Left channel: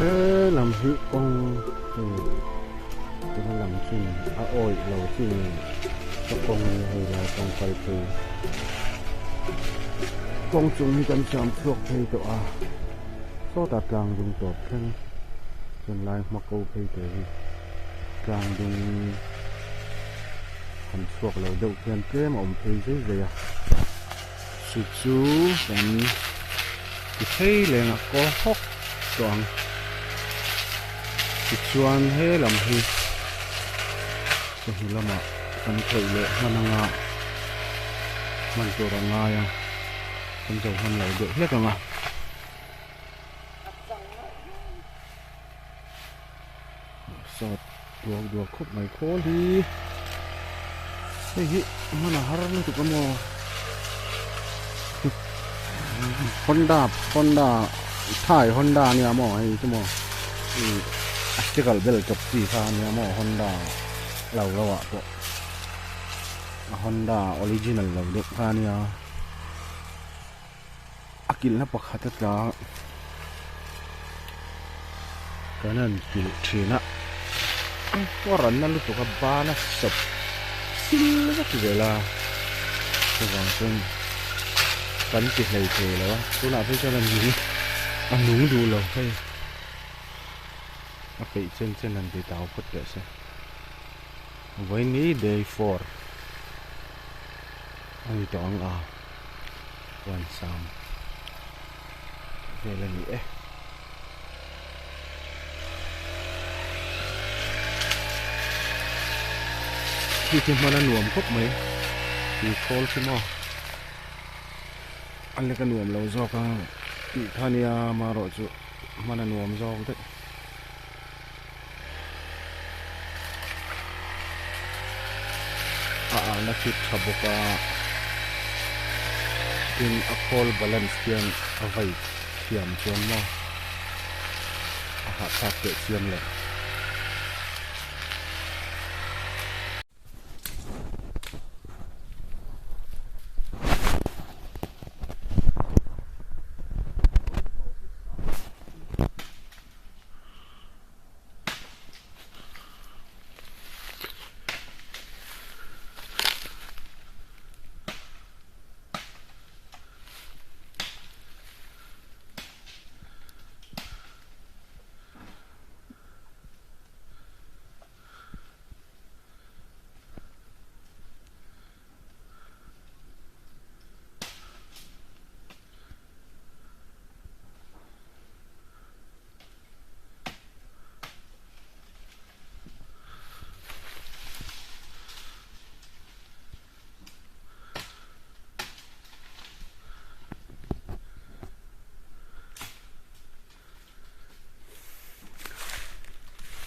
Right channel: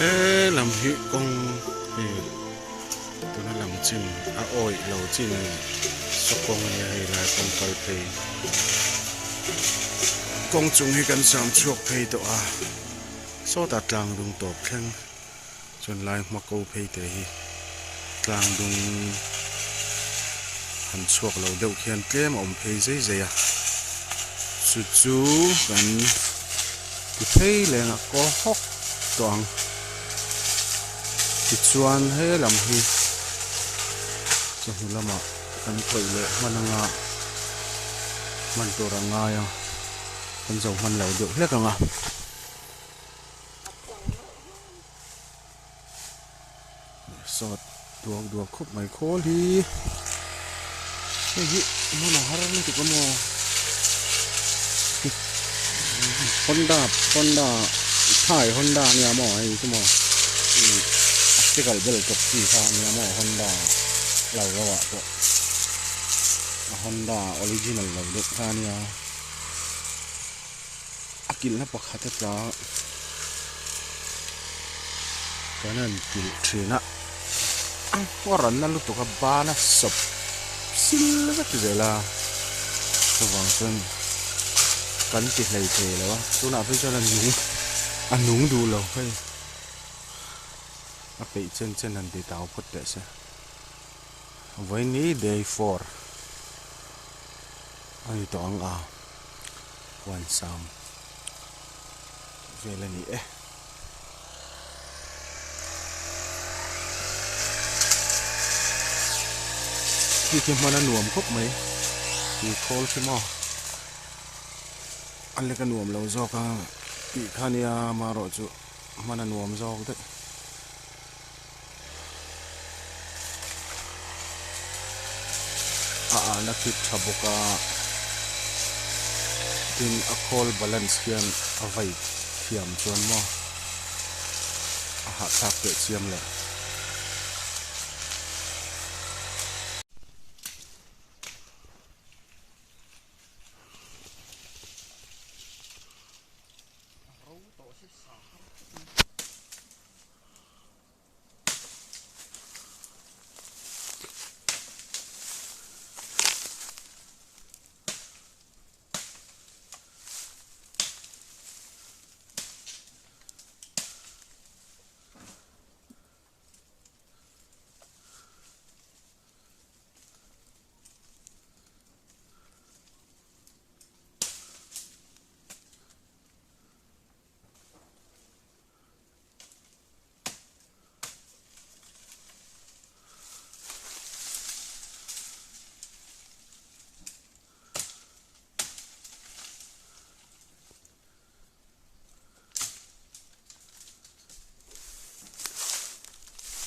ê làm hi con thì tôi nó làm chim ôi lâu chim số con này hay là con phải thì con chúng hi cần sam chuộc hay to số ta trang đúng top khen chọn lại mà câu hay thì trang đúng cần chuộc lâu đâu khen cái mà ông hay dễ dễ chú chú cần cái thấy là có hốc toàn cái chuan hay làm hi cho hi lama kan thoi le mananga man to ranga ya kan zo han lai được hết ranga sọt đuộc khúc mày khô đi cái gì mà nó har nó tụi con mò Honda thải Honda này mò hay cái mò Article bel chọc gì pha này mò Honda lâu rồi ạ bộ Honda original lâu được pha này akil na pakhat ta kanan kil thina waran na lu to ka bana sop sil ka tizela to wang sen kan ti hlei the lo tu na phei chalan ni anung du lo phei a pe chen an de tao phut te se vai ni day 4 ai tong wan sam về là nhỉ khi thêm mà nó nuông khúc mấy thì khô chứ mò anh lấy cái nuông lâu do cả bị khania mà rồi chứ mà nó nuông do đấy nó chít thabo cả in a call balance kian avai thiam chuan mo a ha thak te chiam le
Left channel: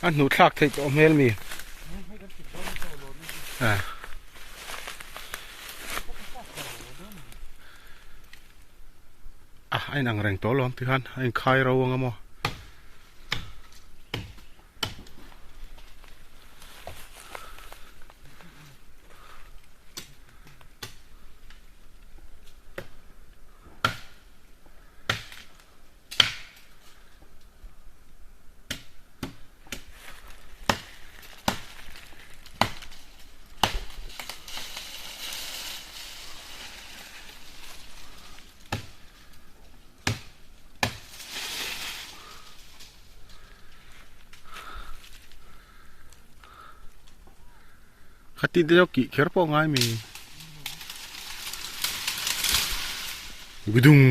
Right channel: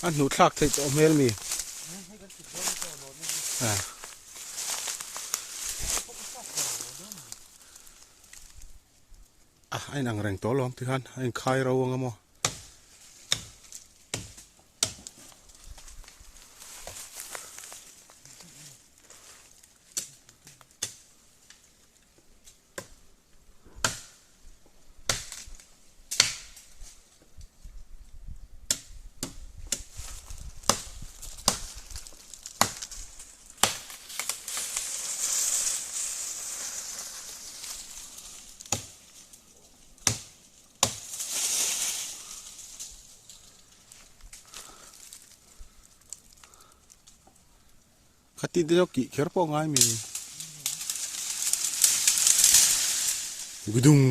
anh nút thak thấy chỗ mel mi anh đang rèn tổ luôn thì anh khai rau ngâm mò khati de ki kher po ngai mi gudung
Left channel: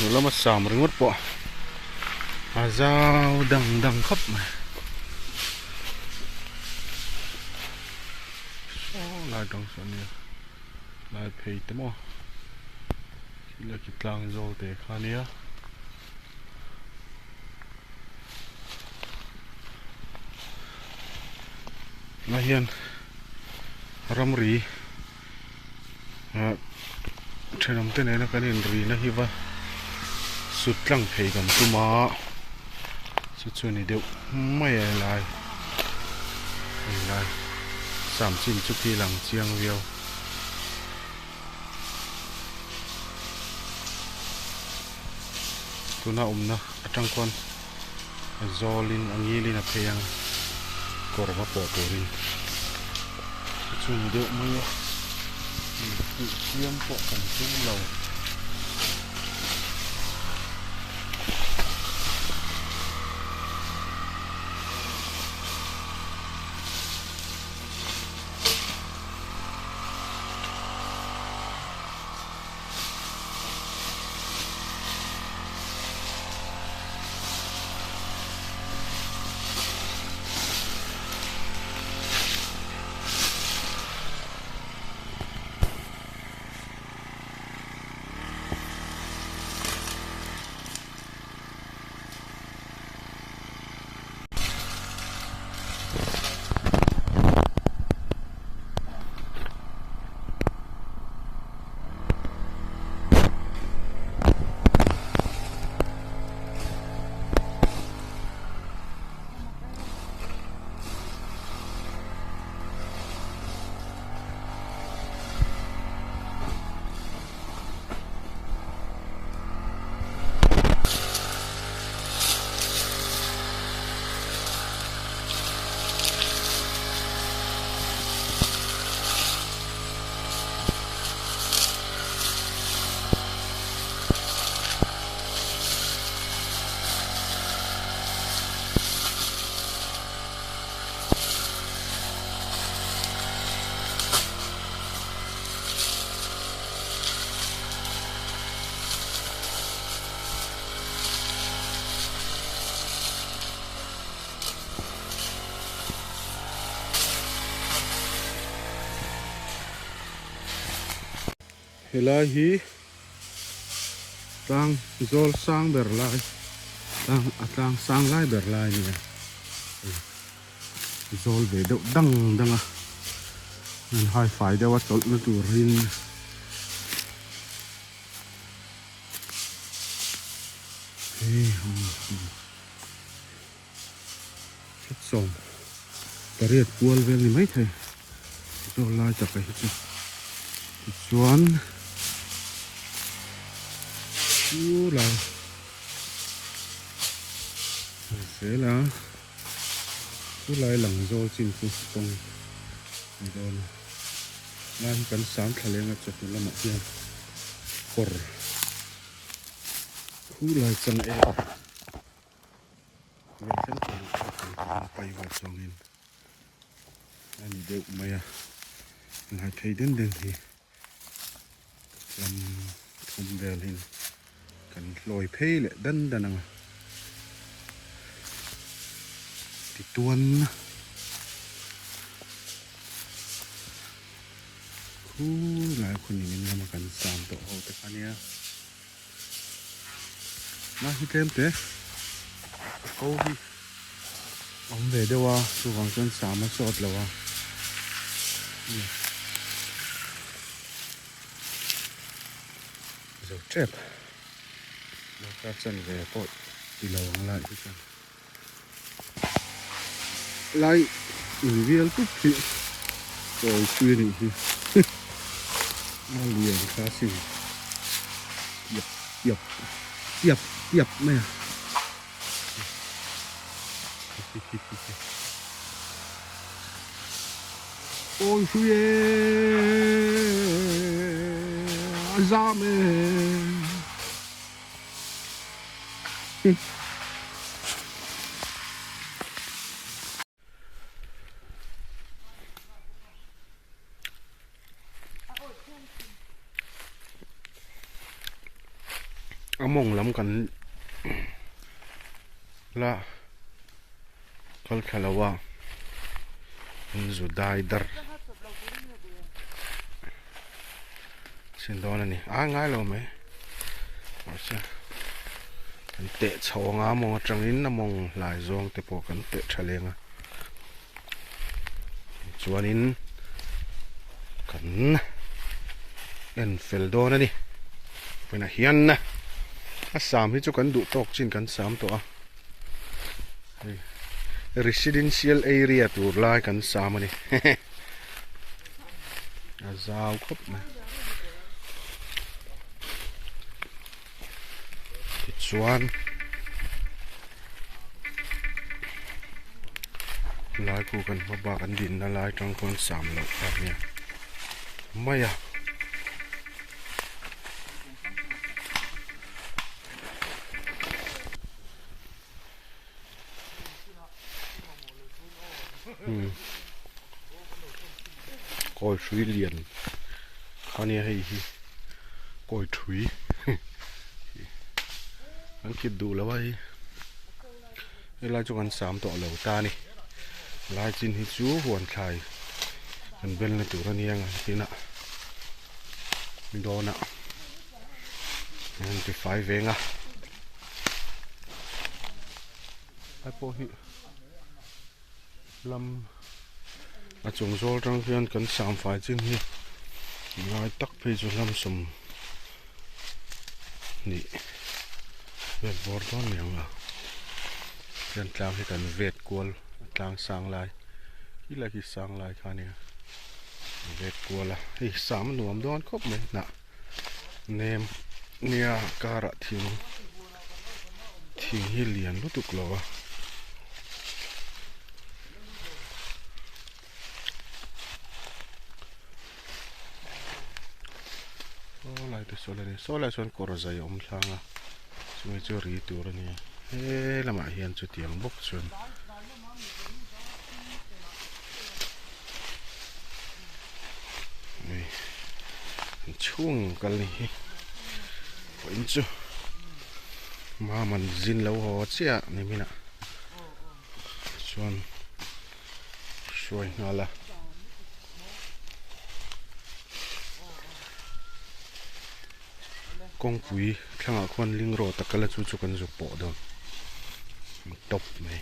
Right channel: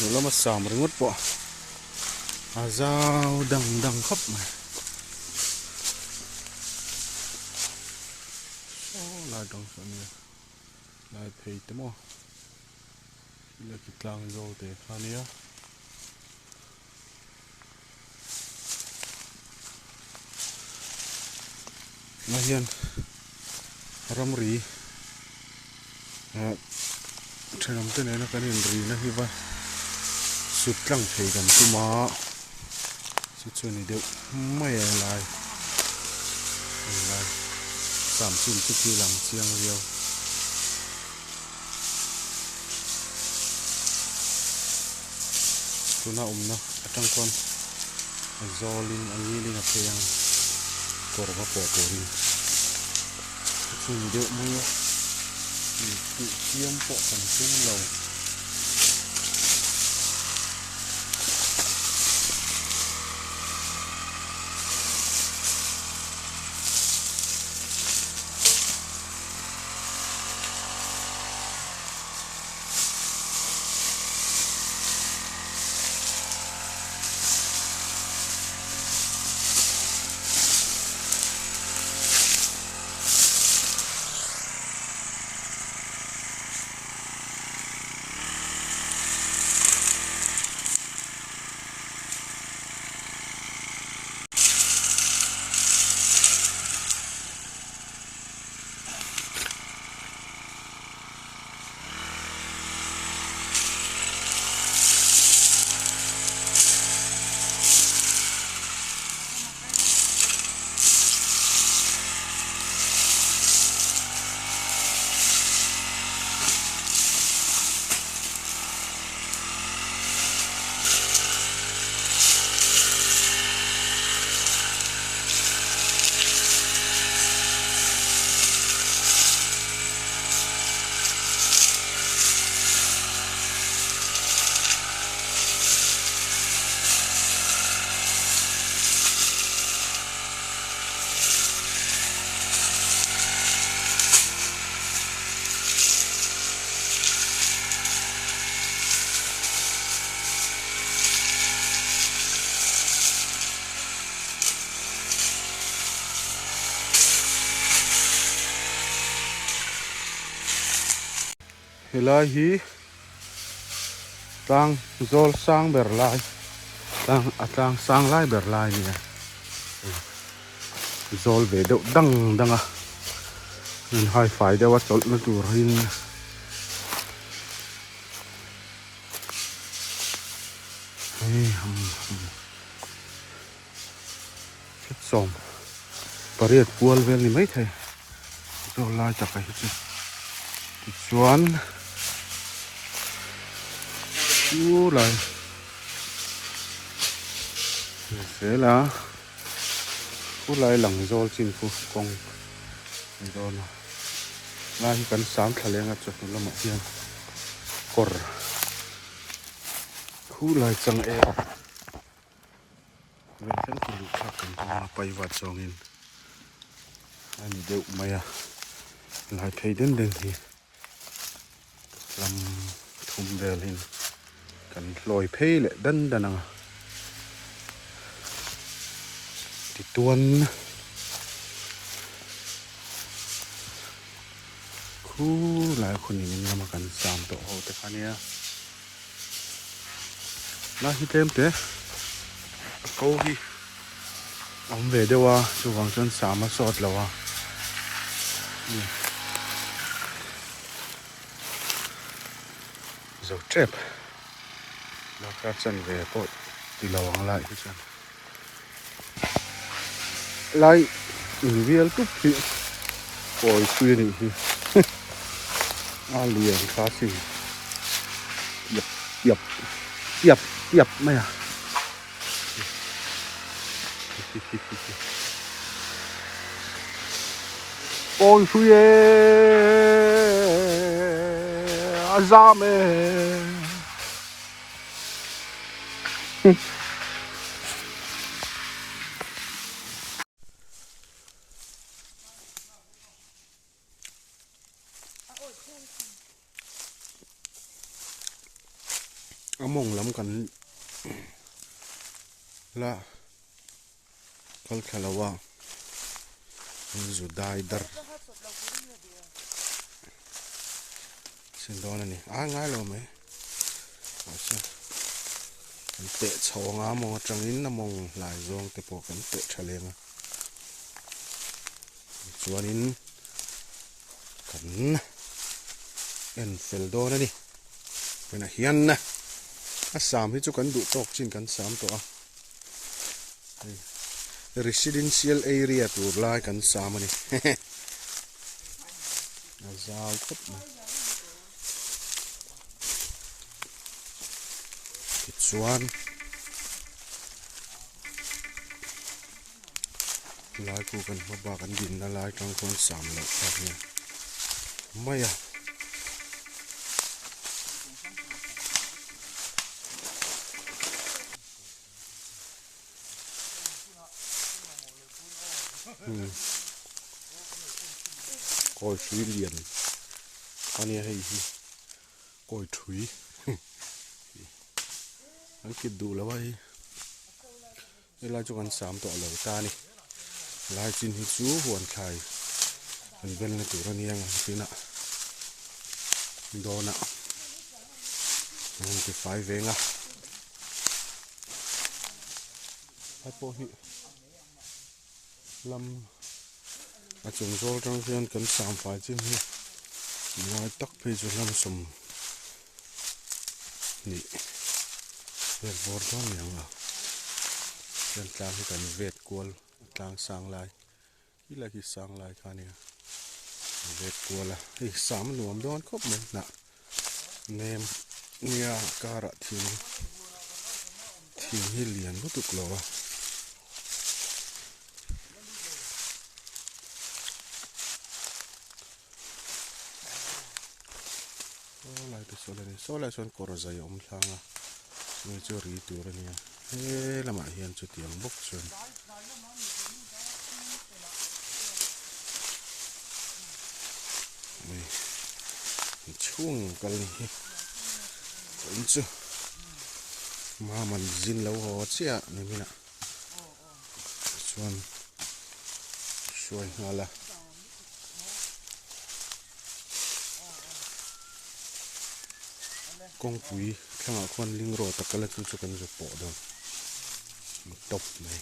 rồi nó mà sàm rồi ngất bỏ dao đằng đằng khắp mà lại trong sân này lại phải thế mà khi là kịp lang rồi để khá nia là hiện ram ri trên nằm tên này nó cái nền ri nó hi va sụt lăng phải gần tu mà sụt xuôi này đều mấy lại giảm xin chút khi lằng chiang viêu tu na na atang kon zolin angi lin a pheyang korwa po to ri chu ni de mu ni chiam po kan chung lo helai hi tang zol sang ber lai tang sang lai ber lai ni zol ve deuh dang dang a nên hai phải đeo chol nó tur rin phết som pariat kual vel ni mấy thầy zol lai chả phải chứ chuan lại thế là cú lại lằng rol xin cú con rol lại cần sám thà lên ngắt chụp nó một tiếng cor cú lại cần e vậy chân bay vào trong in anh đều mày à lại thấy đến đây thì làm thùng đều lên cần lồi phê lại đân đần à thì tuôn khu lạiคนนี้มันมากันสามตัวโหแต่คันนี้น่าฮิเต็มเตะเขาพี่เอาเวเดว่าช่วงจนสามมาสอดแล้วว่ะdầu chép nó cắt chân về tội thì lawang lại cái chân lại in viên túc thị rồi xuyên thì liền khá xinh dập mày à ôi xuyên ra mẹ mong lắm cần là kal khalawa zu dai dar xin đó này ngay lo mấy kan te chawanga mo tangin na mong lai zong te po kan te thalenga chuanin kan en fel do na ni pena hian na asam hi chu kan du tok chin kan sam to a residential area tur lai kan sam ani a zau khop mai chuan lai ku kan ba kan din na lai tang kon sam lo ta nia maya coi suy liền con này hay coi thúy anh kịp đủ là vậy đây là cho con sám tọa lẩu ta này lai chín hi chú hoàn khai anh bên là tụi nó niang tí nè đó nè anh cái phải về ngà ai po hi lâm à chúng tôi trong phiên cần sám phải chứ hi lai tắc phê cho lâm sum nị Việt bột đó nhiều à, dân làm thì cần Việt cuốn làm sang lại, khi là khi sang lại khá nè, Việt cuốn là thì sắm nuông đón khóc mình nè, nem nia cà rạ thì hi liền lúc tục lò, số lại xuân cỏ dày ống sang à. Người chưa rí tiêu rồi nè, thế là mà hiện cho tiếng bốc xuân, này chuông cái này, vẫn chưa, mà mình zin lâu hồ chứ à, này mình ạ, xuân, xuân nào là con quỷ khang ở con linh rô tất cả là chú cần giúp bỏ được top này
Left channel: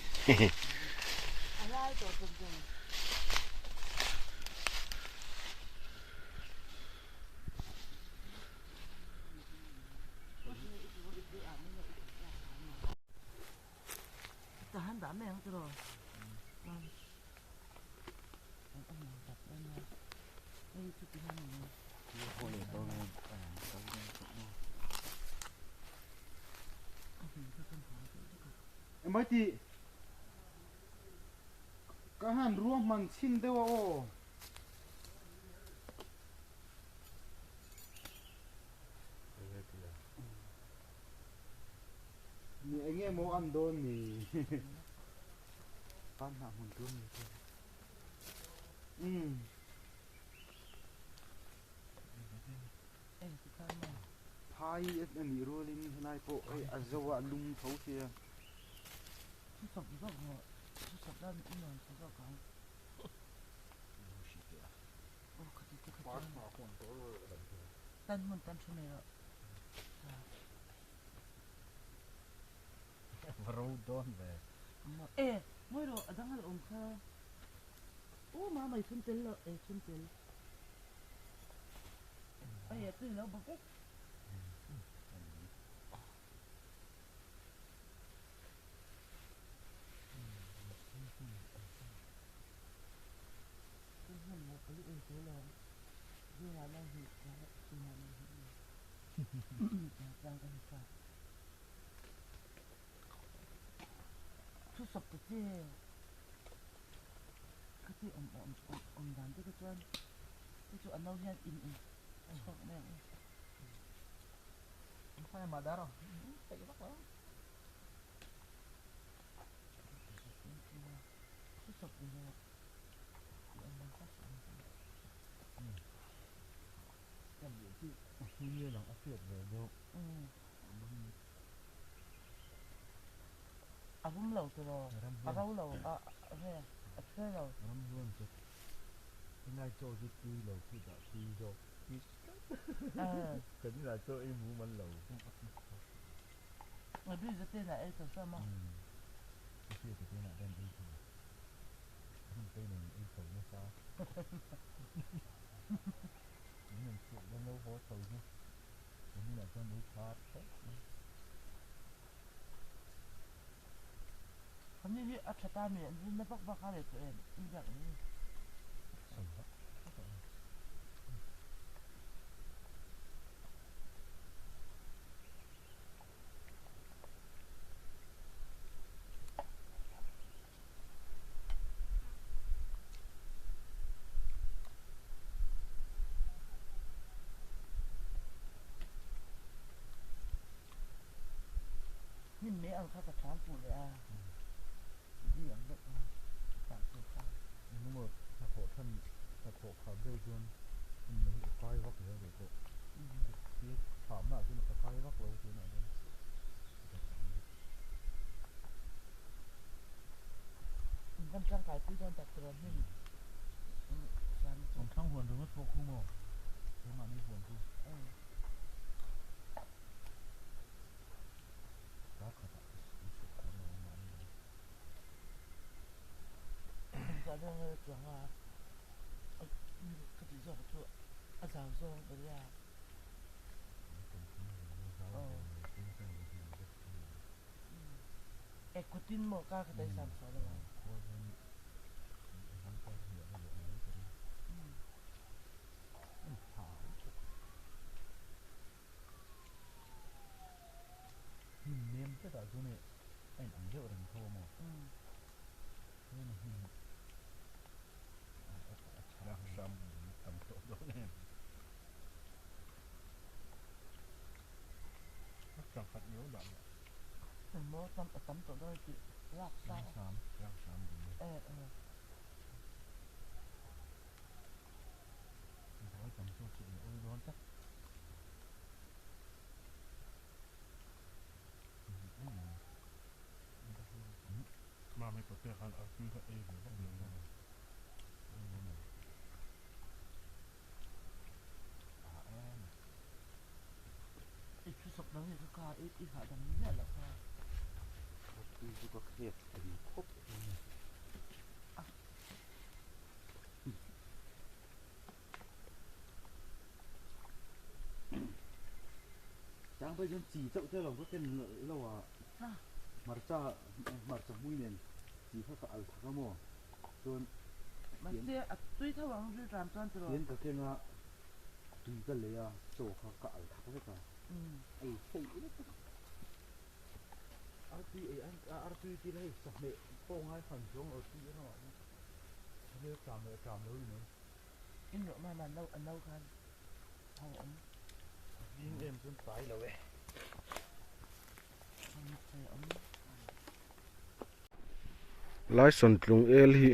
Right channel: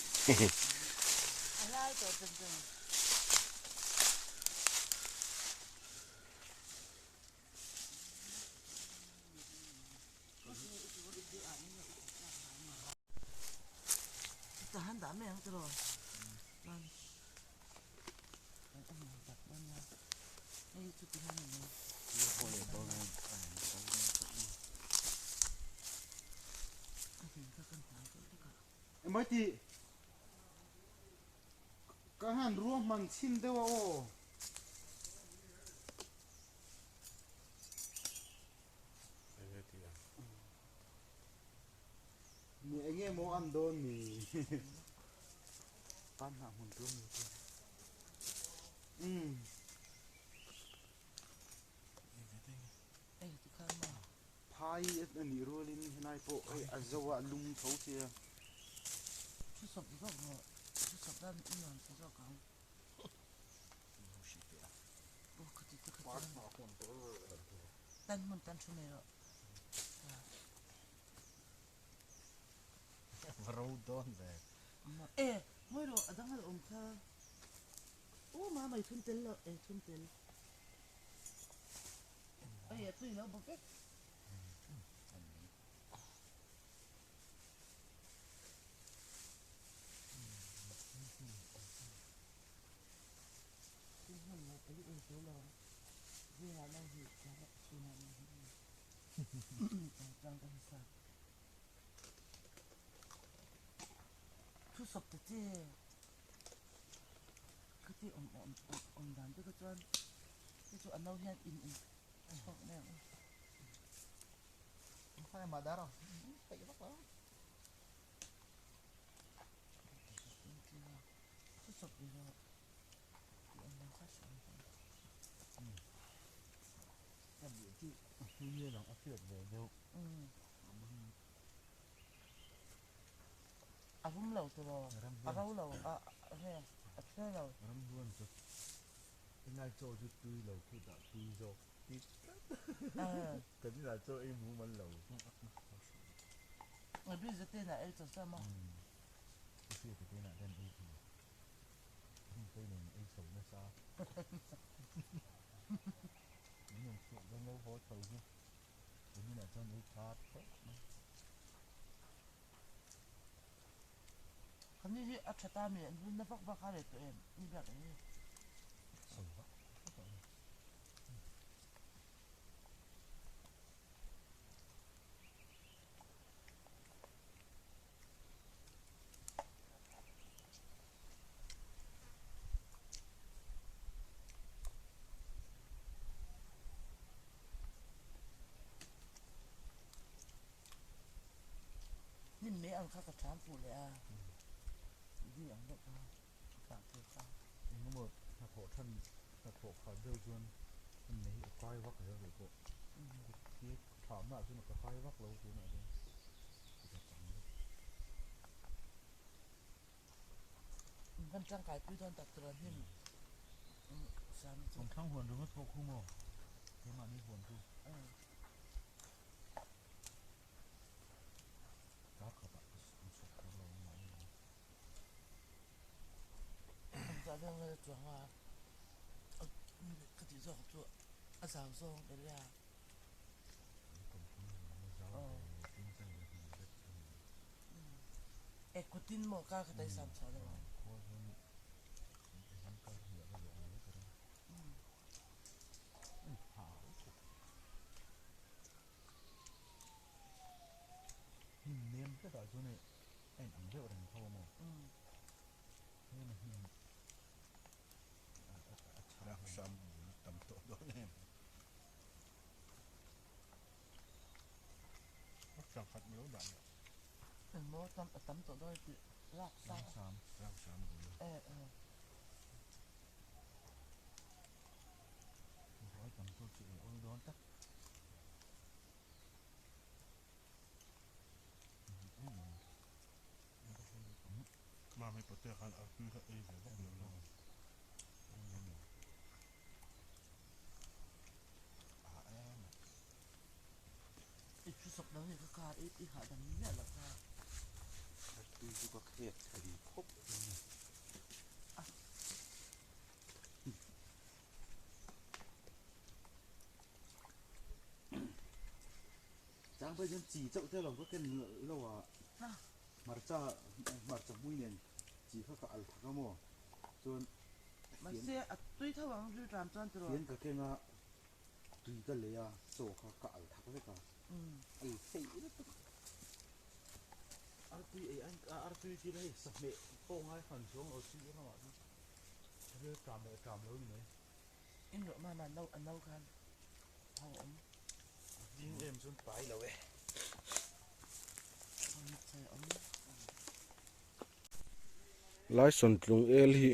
mấy chị cả hàng ruộng mình xin đâu ô nè anh em muốn ăn đôn thì ăn hàng hồn cơm thôi Thai anh rồi lên này po ai dâu lung thấu kia Chứ sập rất là chứ sập ra những lần sẽ ra cái ô cái gì cái tan mình tan số này rồi râu đôn về ê mới rồi ở đang là ông kha ô mà mày phân tiền rồi phân tiền ê tôi nó bốc cái số lần như là đang hiện ra thì là đang ăn sao cứ sập cái ông đàn cái chỗ ăn đâu hen in cho cái này phải mà đá rồi tay bắt đó cứ sập thì là anh đang phát sản như là áp lực về đâu vum lo tu lo a rau lo a he a chue lo ram luôn chứ cái này cho chút tươi lẩu thì đã tươi rồi cái này là cho em muốn món lẩu mà bây giờ tên là em sao mà cái kia cái tên là đen em thì tên này em sống nó sao những người chuyện đang lâu khó thầu chứ cái này là cho mấy phát thôi không như ở chợ ta miệng nó bóc bóc khai để tụi em như vậy sống đó nhìn mấy ăn khác cả chán phụเลยđi ăn được tạm thời sao nhưng mà hạt hộ khảo đều luôn mấy cái vắt rồi để cô cái thảm nào chứ mà cái vắt lâu chứ nào đây văn trang cái tuy đơn đặt rồi nhưng sáng còn thằng huấn đúng không không mà thế mà đi huấn thôi các các bạn chụp cái lâu mà ra đây chuẩn là cái gì rồi chỗ à sao rồi đấy là cái tin một cái đấy sản xuất rồi niêm cái đó chỗ này anh ăn rượu đằng thô mà thế là đặc sản tầm tổ đó em đặc sản khát miếu đậm mình mua tấm tổ đôi chị lạc sao đặc sản nói tầm số chị ôi đón chắc mà mấy bữa ăn ở cứ cái về bắt đầu em ít chút sọc đó thì cái ca ít hạ đầm nhất là ca đi có thiệt thì khóc chẳng bây giờ chỉ chậu theo lòng có cái lâu à marcha mũi nền chỉ phải cả thằng mò rồi mà xe tuy theo bằng như làm cho anh rồi tiến cái ngà tùy cái lấy à sổ cả thằng cái cả ấy phải tuy anh tuy chỉ lấy sập mẹ phong hai phần xuống ở tuy nó bây cả mỗi nữa in nữa mà lâu khăn thằng ống riêng em xuống tái là vậy lai son tlung el hi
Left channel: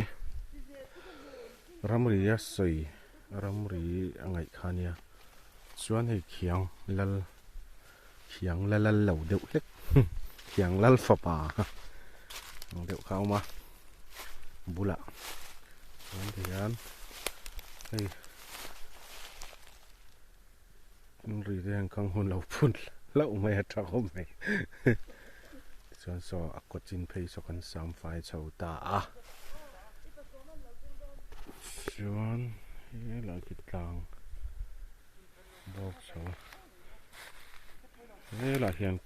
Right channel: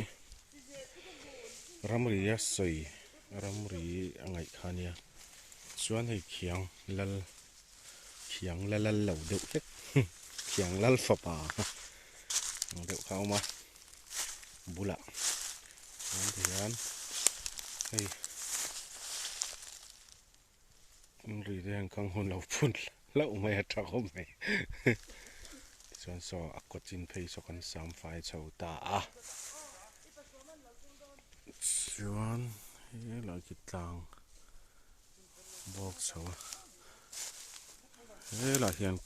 ramri ya soi ramri angai khania chuan hei khiang lal lo deuh hlek khiang lal fapa deuh khau ma bula chuan hian hei ri reng kang hun lo phun lo mai atha khom mai chuan so akochin phei so kan sam fai chho ta a chuan he lai ki tlang bok so he la hian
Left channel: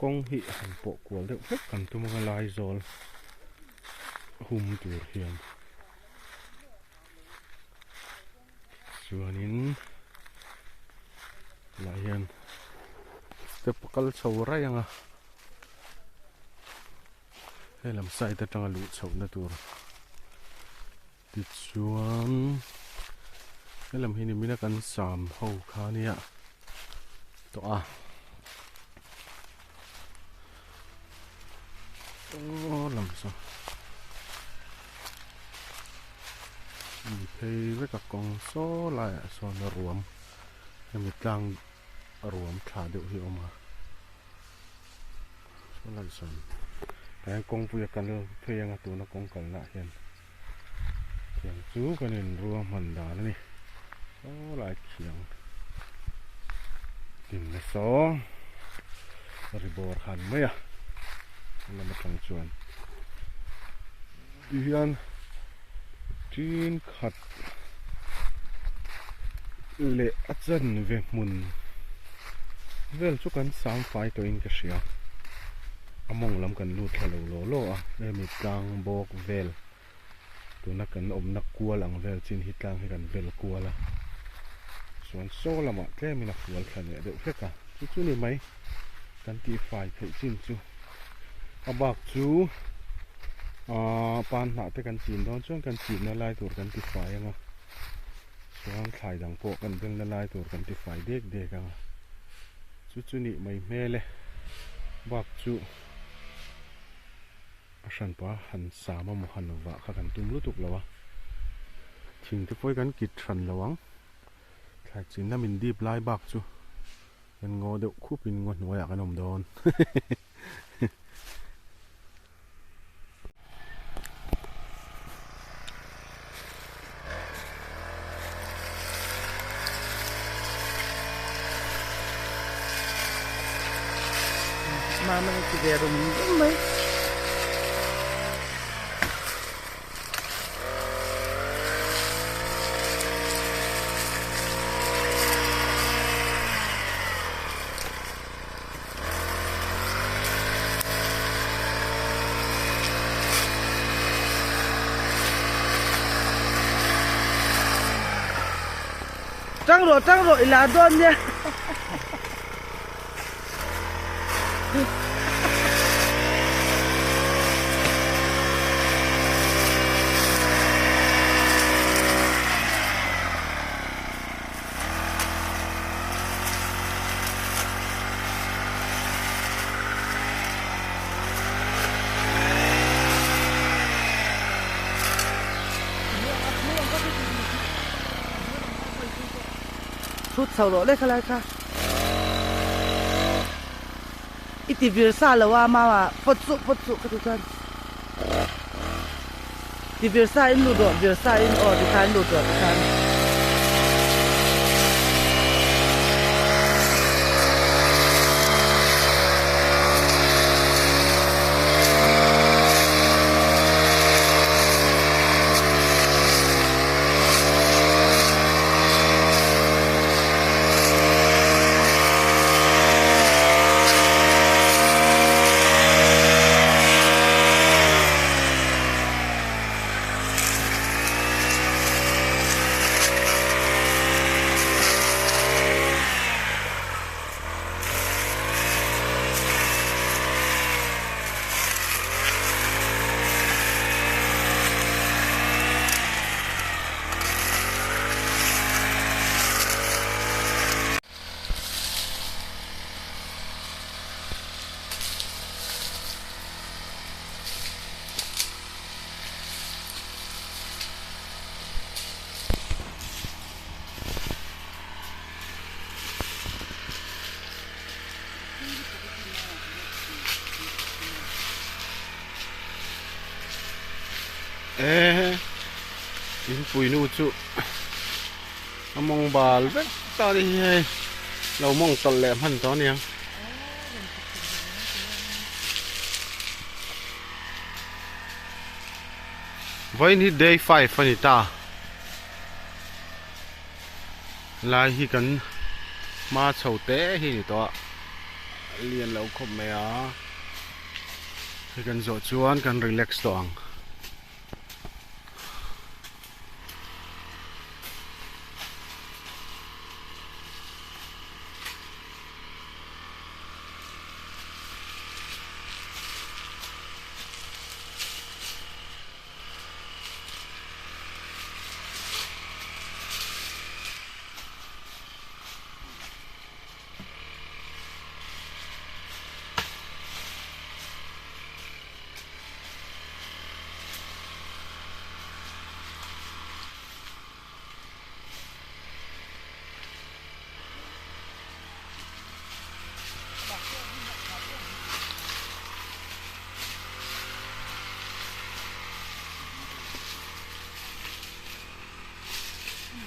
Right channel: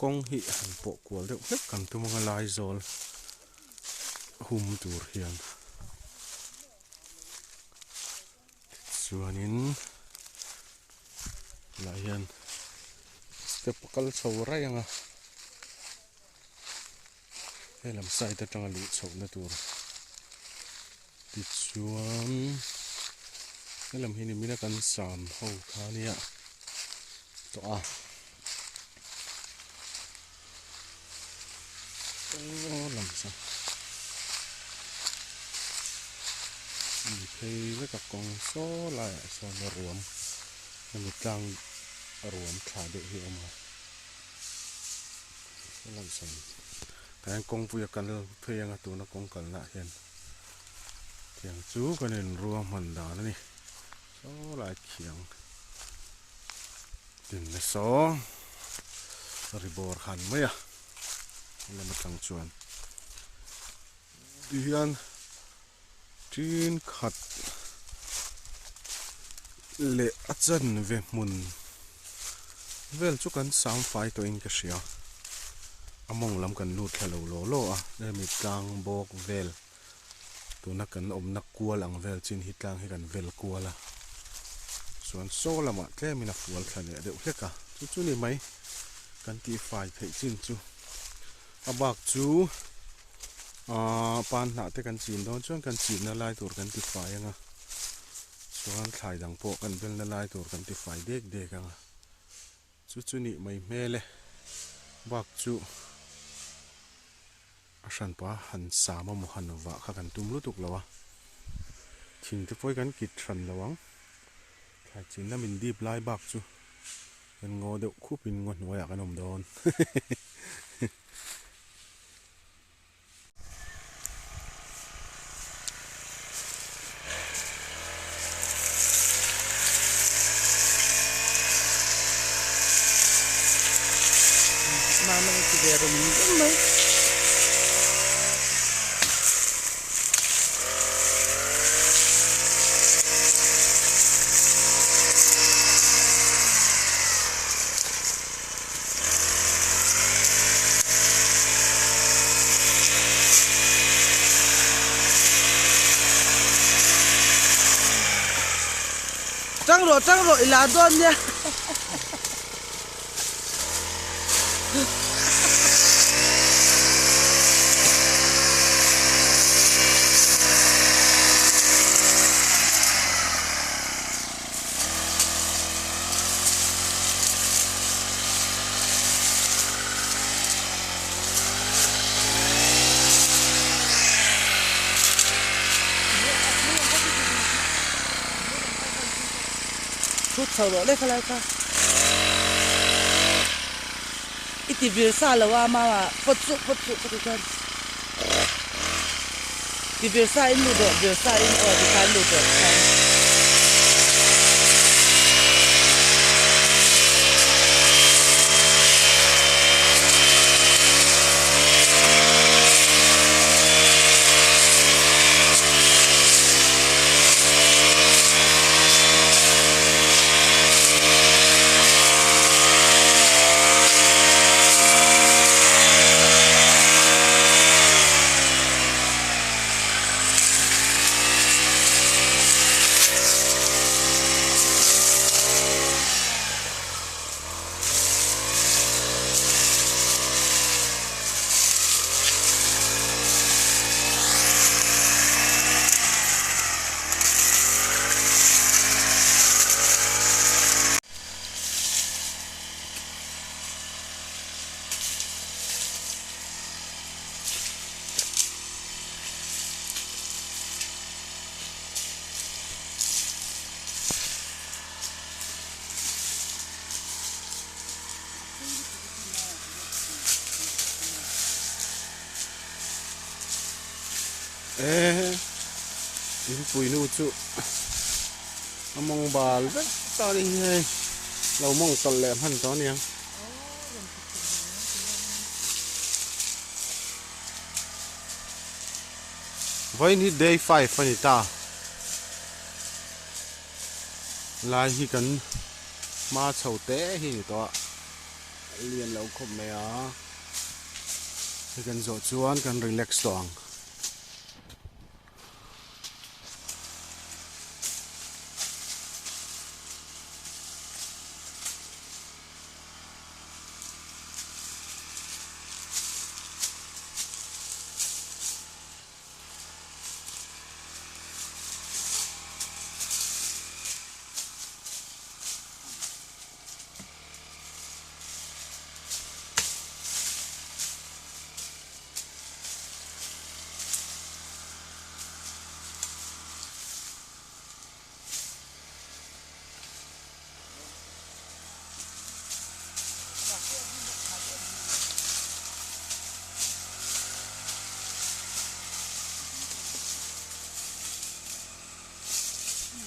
kong hi han po kwal deuh hlek kan tu mga lai zol hum tur hian chuanin la hian step kal chho rai anga he lam sai ta tanga lu chho na tur ti chuan he lam hi ni mina kan sam ho kha nia to a lam sa mi phei với cả con số lại so nó ruộng em một trang ruộng thả được hiệu mà lan son cái công vui cần thuê ngang tụ nó công cần lại hiện kiang chú cái nên rùa mình đó này số lại kiang tìm cái số rồi bỏ khăn mấy à là một thằng chuồn đi hiện chín khát lệ chân về mùn vel chú cần sáng phải tôi in cái gì à among lam kan lut hello lo lo à đây mi tlang bok vel tu na kan om na kua lang vel chin hi tlang hi kan vel kua la suan so lama tle mi na fual thane de heka chu chu ni mai kan ti fai thei chin chu abak chu pan na te kan chin don chuan kan chin na lai tur kan ti fai anga suan thai dang po kan vel na lai tur kan ti fai dek dek anga chu chu ni mai mele bak chu asan pa han sama mo han wa kha kan tum lu tuk lawa thing te poi kan kit than lawang thai chin na min deep lai bak chu kan ngo deuh khupin ngo hnuaya kan om don Mama ni tiga rumah mai. Trăng rồi là đôn nha. Chút sau đó lấy cái này cả. Ít thì việc xa là mà phật trụ cái con. Thì việc xa in lụt rồi, việc xa in thì khai lụt rồi khai. in pui nu chu among bal vek ta đi he lo mong tol lem han to niang vai ni day 5 ani ta lai hi kan ma chau te hi ni to lian lo khop me a hi kan zo chuan kan relax to ang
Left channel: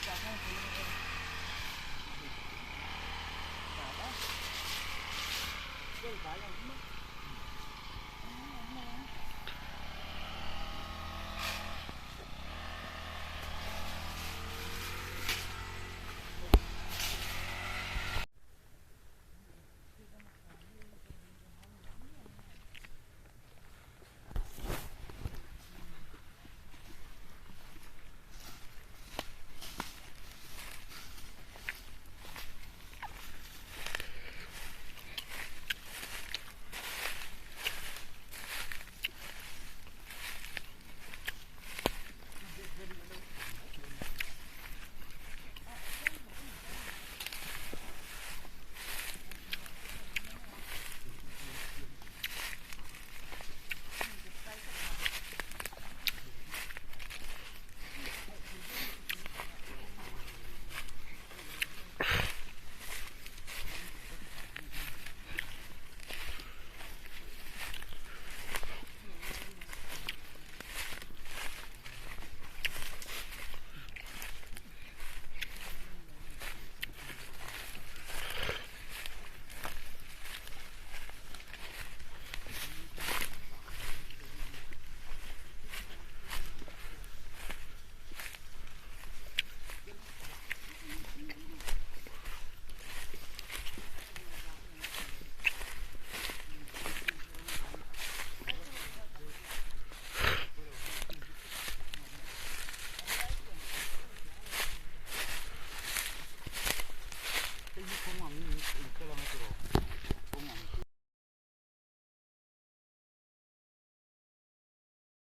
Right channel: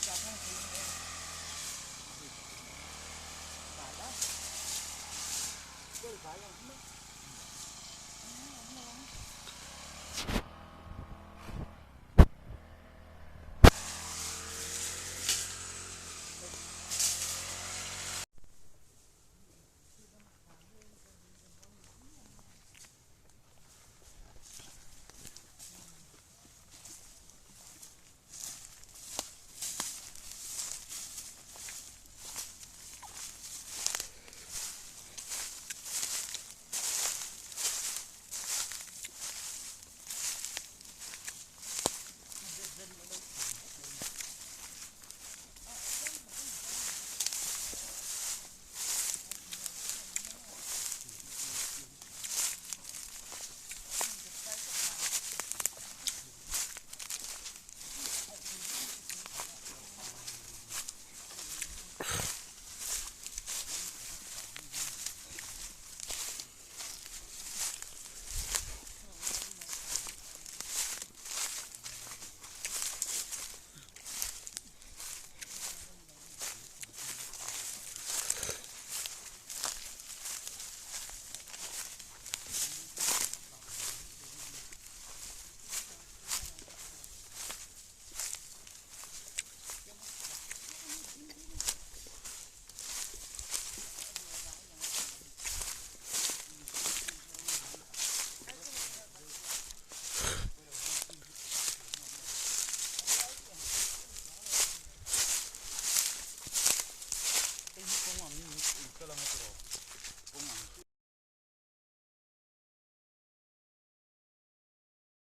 cả hai cái này cả đó cái cái này mất